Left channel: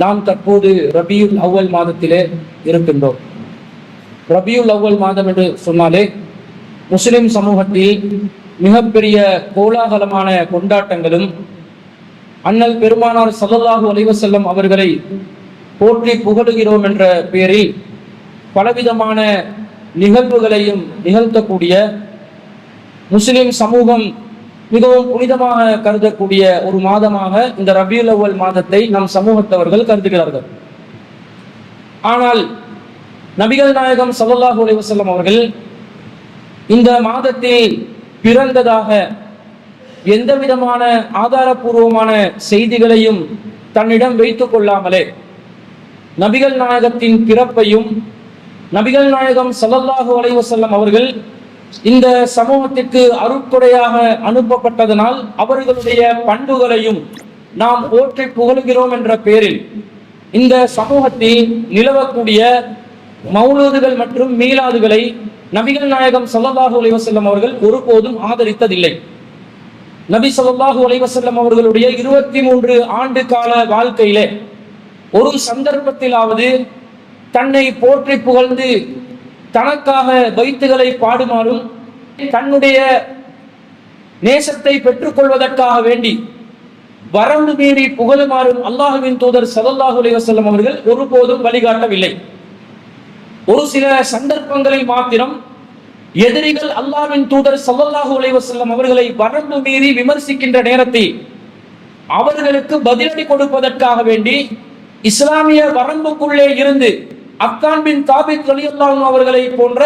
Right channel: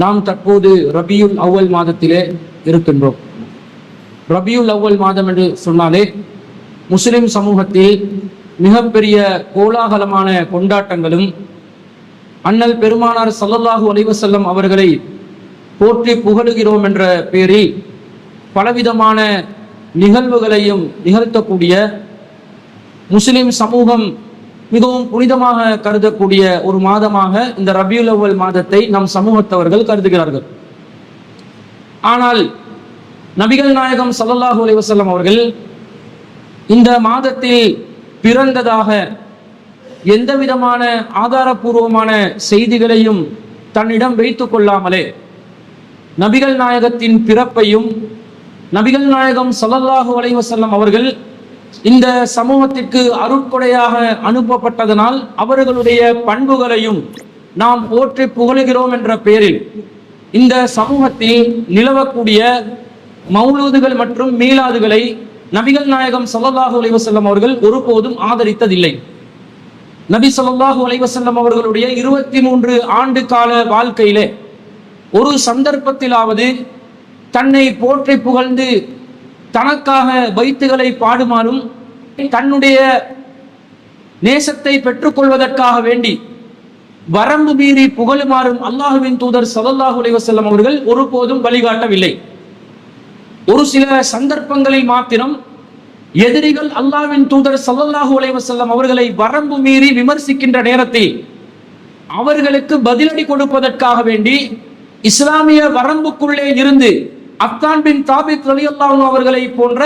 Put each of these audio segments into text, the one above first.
நாம் தற்போது ரபியுல் அவ்வல் மாதத்திலே இருக்கின்றோம். ரபியுல் அவ்வல் மாதம் என்று சொன்னாலே முஸ்லிம் சமூகத்தில் மிகப்பெரிய கோலாகலமான கொண்டாட்டங்களும் அண்ணல் பெருமானார் ஸல்லல்லாஹு அலைஹி வஸல்லம் அவர்களை போற்றி புகழுகிறோம் என்ற பெயரில் பலவிதமான நிகழ்வுகளையும் நிகழ்த்தக்கூடிய, முஸ்லிம் சமூகம் மிகவும் புனிதமாக கருதக்கூடிய ஒரு மாதமாக இந்த ரபியுல் அவ்வல் மாதத்தை நம் சமூகத்தவர்கள் கருதுகிறார்கள். ஆனால் நபிகள் நாயகம் ஸல்லல்லாஹு அலைஹி வஸல்லம் அவர்கள் இந்த மாதத்தில் பிறந்ததாக எந்த விதமான ஆதாரபூர்வமான செய்திகளையும் தன்னிடம் வைத்துக் கொள்ளாமலே நபிகள் நாயகத்தின் பிறப்பையும் நபிகள் நாயகம் ஸல்லல்லாஹு அலைஹி வஸல்லம் அவர்கள் இந்த சமூகத்திற்கு அருட்கொடையாக அனுப்பப்பட்டதனால் அவர்களுடைய பண்புகளையும் நாம் போற்றி புகழுகிறோம் என்ற பெயரில் இந்த சமூகத்தில் நிலவக்கூடிய மௌலூதுகள் மற்றும் மீலாதுகளை நபிகள் நாயகம் ஸல்லல்லாஹு அலைஹி வஸல்லம் அவர்கள் ஒருபோதும் ஆதரித்ததில்லை. நபி ஸல்லல்லாஹு அலைஹி வஸல்லம் அவர்களுடைய 23 ஆண்டு கால வாழ்க்கையிலே ஒரு சந்தர்ப்பத்திலாவது தன்னை போற்றி புகழ்ந்து தனக்காக பைத்துகளை பாடுமாறும் தன்னுடைய நேசத்தை பெற்றுக்கொள்வதற்காக வேண்டி வரம்பு மீறி புகழுமாறும் அல்லாஹ்வின் தூதர் ஸல்லல்லாஹு அலைஹி வஸல்லம் அவர்கள் ஒருபோதும் வழிகாட்டவில்லை. ஒரு சில சந்தர்ப்பங்களை மாத்திரம் எதிரிகள் அல்லாஹ்வின் தூதர் ஸல்லல்லாஹு அலைஹி வஸல்லம் அவர்களை வரம்பு மீறி விமர்சிக்கின்ற நேரத்தில் அவர்களுக்கு பதிலடி கொடுப்பதற்காக வேண்டி இஸ்லாமிய வரம்புக்குள்ளே இருந்து அக்தான் பின் தாபித் ரலியல்லாஹு அன்ஹு அவர்களை போன்ற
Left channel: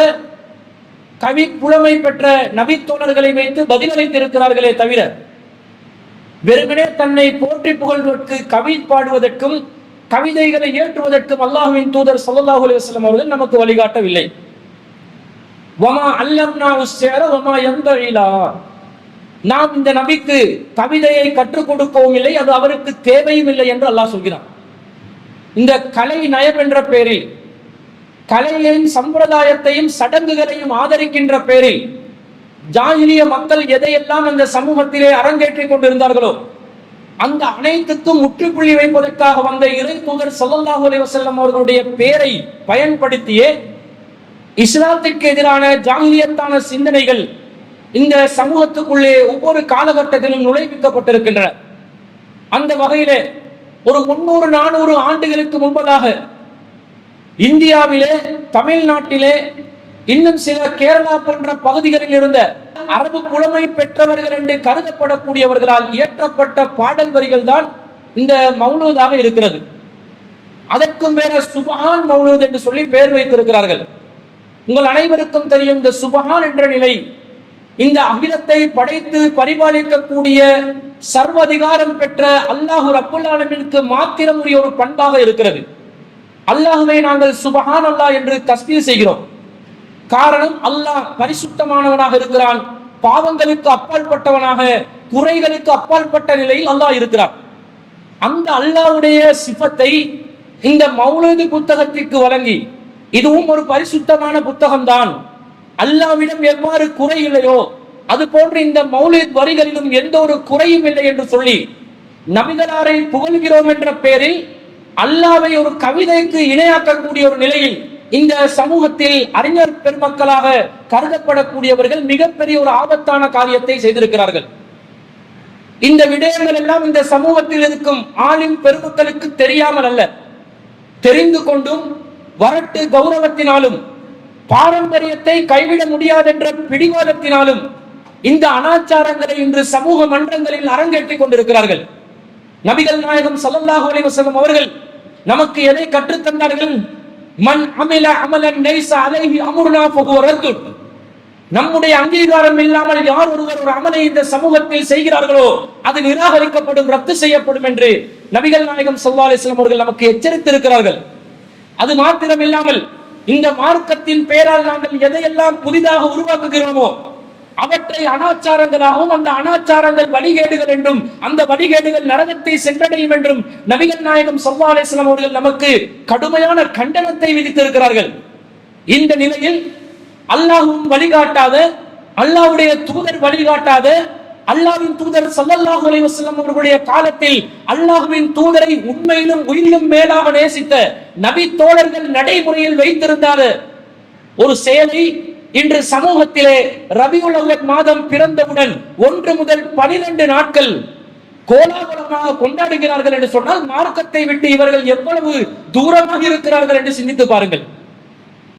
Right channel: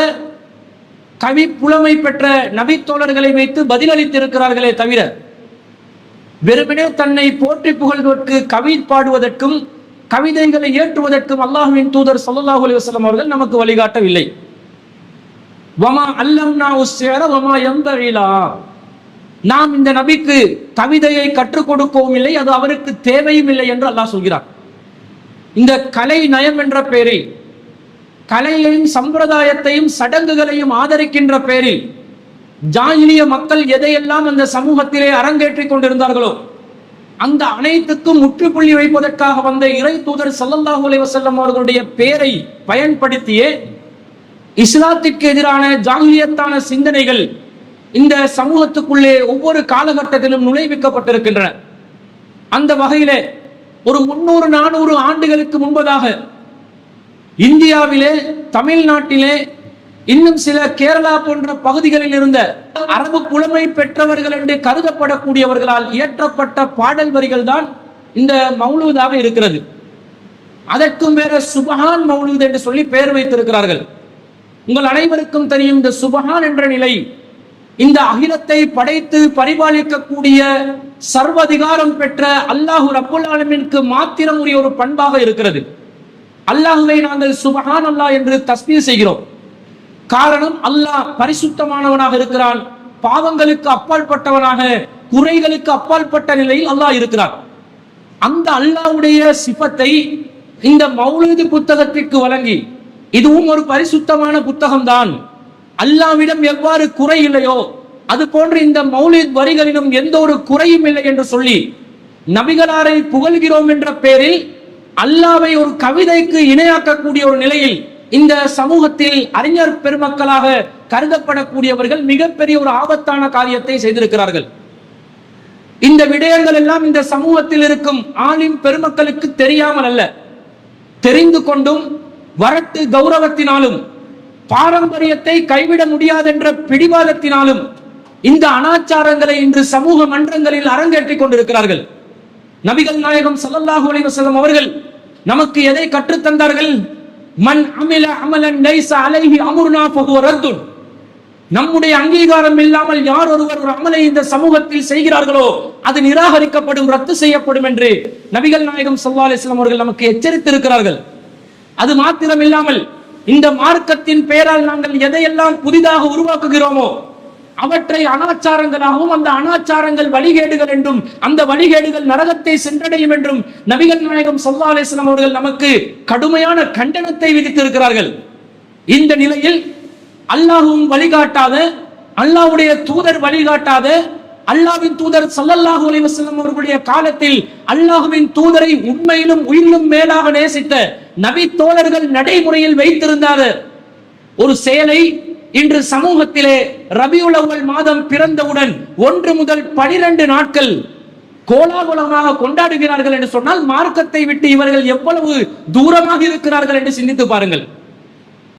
கவி புலமை பெற்ற நபித்தோழர்களை வைத்து பதிலளித்திருக்கிறார்களே தவிர வெறுமனே தன்னை போற்றி புகழ்வதற்கு கவி பாடுவதற்கும் கவிதைகளை ஏற்றுவதற்கும் அல்லாஹ்வின் தூதர் ஸல்லல்லாஹு அலைஹி வஸல்லம் அவர்கள் நமக்கு வழிகாட்டவில்லை. வமா அல்லம்னாஹு ஷிஅர வமா யன்பகி லஹு, நாம் இந்த நபிக்கு கவிதையை கற்றுக் கொடுக்கவும் இல்லை, அது அவருக்கு தேவையும் இல்லை என்று அல்லாஹ் சொல்கிறார். இந்த கலை நயம் என்ற பெயரில் கலையையும் சம்பிரதாயத்தையும் சடங்குகளையும் ஆதரிக்கின்ற பெயரில் ஜாஹிலிய மக்கள் எதையெல்லாம் அந்த சமூகத்திலே அரங்கேற்றிக் கொண்டிருந்தார்களோ அந்த அனைத்துக்கும் முற்றுப்புள்ளி வைப்பதற்காக வந்த இறை தூதர் ஸல்லல்லாஹு அலைஹி வஸல்லம் அவர்களுடைய பெயரை பயன்படுத்தியே இஸ்லாத்திற்கு எதிரான ஜாஹிலியத்தான சிந்தனைகள் இந்த சமூகத்துக்குள்ளே ஒவ்வொரு காலகட்டத்திலும் நுழைவிக்கப்பட்டிருக்கின்றன. அந்த வகையிலே ஒரு 300-400 ஆண்டுகளுக்கு முன்பதாக இந்தியாவிலே, தமிழ்நாட்டிலே, இன்னும் சில கேரளா போன்ற பகுதிகளில் இருந்த அரபு புலமை பெற்றவர்கள் என்று கருதப்படக்கூடியவர்களால் இயற்றப்பட்ட பாடல் வரிகள் தான் இந்த மௌலூதாக இருக்கிறது. அதற்கும் வேற சுபஹான் மௌலூத் என்று சொல்லி பெயர் வைத்திருக்கிறார்கள். உங்கள் அனைவருக்கும் தெரியும், இந்த சுபஹான் என்ற நிலை இந்த அகிலத்தை படைத்து பரிபாலிக்கக்கூடிய சர்வதிகாரம் பெற்ற அல்லாஹு ரப்புல் ஆலமீனுக்கு மாத்திரம் உரிய ஒரு பண்பாக இருக்கிறது. அல்லாஹுவை நாங்கள் சுபஹான் அல்லாஹ் என்று தஸ்பீஹ் செய்கிறோம். காரணம், அல்லாஹ் பரிசுத்தமானவனாக இருக்கிறான், பாவங்களுக்கு அப்பாற்பட்டவனாக, குறைகளுக்கு அப்பாற்பட்ட நிலையில் அல்லாஹ் இருக்கிறான். அந்த அல்லாஹ்வுடைய சிஃபத்தை இந்த மௌலூது புத்தகத்திற்கு வழங்கி, இதுவும் ஒரு பரிசுத்தமான புத்தகம் தான், அல்லாஹ்விடம் எவ்வாறு குறை இல்லையோ அது போன்று இந்த மௌலித் வரிகளிலும் எந்த ஒரு குறையும் இல்லை என்று சொல்லி நபிகளாரை புகழ்கிறோம் என்ற பெயரில் அல்லாஹ்வை ஒரு கவிதைக்கு இணையாக்கக்கூடிய ஒரு நிலையில் இந்த சமூகத்தில் அறிஞர் பெருமக்களாக கருதப்படக்கூடியவர்கள் மிகப்பெரிய ஒரு ஆபத்தான காரியத்தை செய்திருக்கிறார்கள். இந்த விடயங்கள் எல்லாம் இந்த சமூகத்தில் இருக்கும் ஆலிம் பெருமக்களுக்கு தெரியாமல் அல்ல, தெரிந்து கொண்டும் வரட்டு கௌரவத்தினாலும் பாரம்பரியத்தை கைவிட முடியாது என்ற பிடிவாதத்தினாலும் இந்த அனாச்சாரங்களை இன்று சமூக மன்றங்களில் அரங்கேற்றிக் கொண்டிருக்கிறார்கள். நபிகள் நாயகம் ஸல்லல்லாஹு அலைஹி வஸல்லம் அவர்கள் நமக்கு எதை கற்றுத் தந்தார்கள்? மன் அமில அமலன் லைஸ அலைஹி அம்ருனா ஃபஹுவ ரத்துன். நம்முடைய அங்கீகாரம் இல்லாமல் யார் ஒருவர் ஒரு அமலை இந்த சமூகத்தில் செய்கிறார்களோ அது நிராகரிக்கப்படும், ரத்து செய்யப்படும் என்று நபிகள் நாயகம் ஸல்லல்லாஹு அலைஹி வஸல்லம் அவர்கள் நமக்கு எச்சரித்திருக்கிறார்கள். அது மாத்திரம் இல்லாமல் இந்த மார்க்கத்தின் பெயரால் நாங்கள் எதையெல்லாம் புதிதாக உருவாக்குகிறோமோ அவற்றை அனாச்சாரங்களாகவும், அந்த அனாச்சாரங்கள் வழிகேடுகள் என்றும், அந்த வழிகேடுகள் நரகத்தை சென்றடையும் என்றும் நபிகள் நாயகம் ஸல்லல்லாஹு அலைஹி வஸல்லம் அவர்கள் நமக்கு கடுமையான கண்டனத்தை விதித்திருக்கிறார்கள். இந்த நிலையில் அல்லாஹ்வும் வழிகாட்டாத, அல்லாஹ்வுடைய தூதர் வழிகாட்டாத அல்லாஹ்வின் தூதர் ஸல்லல்லாஹு அலைஹி வஸல்லம் அவர்களுடைய காலத்தில் அல்லாஹ்வின் தூதரை உண்மையிலும் உயிரிலும் மேலாக நேசித்த நபி தோழர்கள் நடைமுறையில் வைத்திருந்தார். ஒரு செயலை இன்று சமூகத்திலே ரபியுல் அவ்வல் மாதம் பிறந்தவுடன் 1 முதல் 12 நாட்கள் கோலாகலமாக கொண்டாடுகிறார்கள் என்று சொன்னால் மார்க்கத்தை விட்டு இவர்கள் எவ்வளவு தூரமாக இருக்கிறார்கள் என்று சிந்தித்து பாருங்கள்.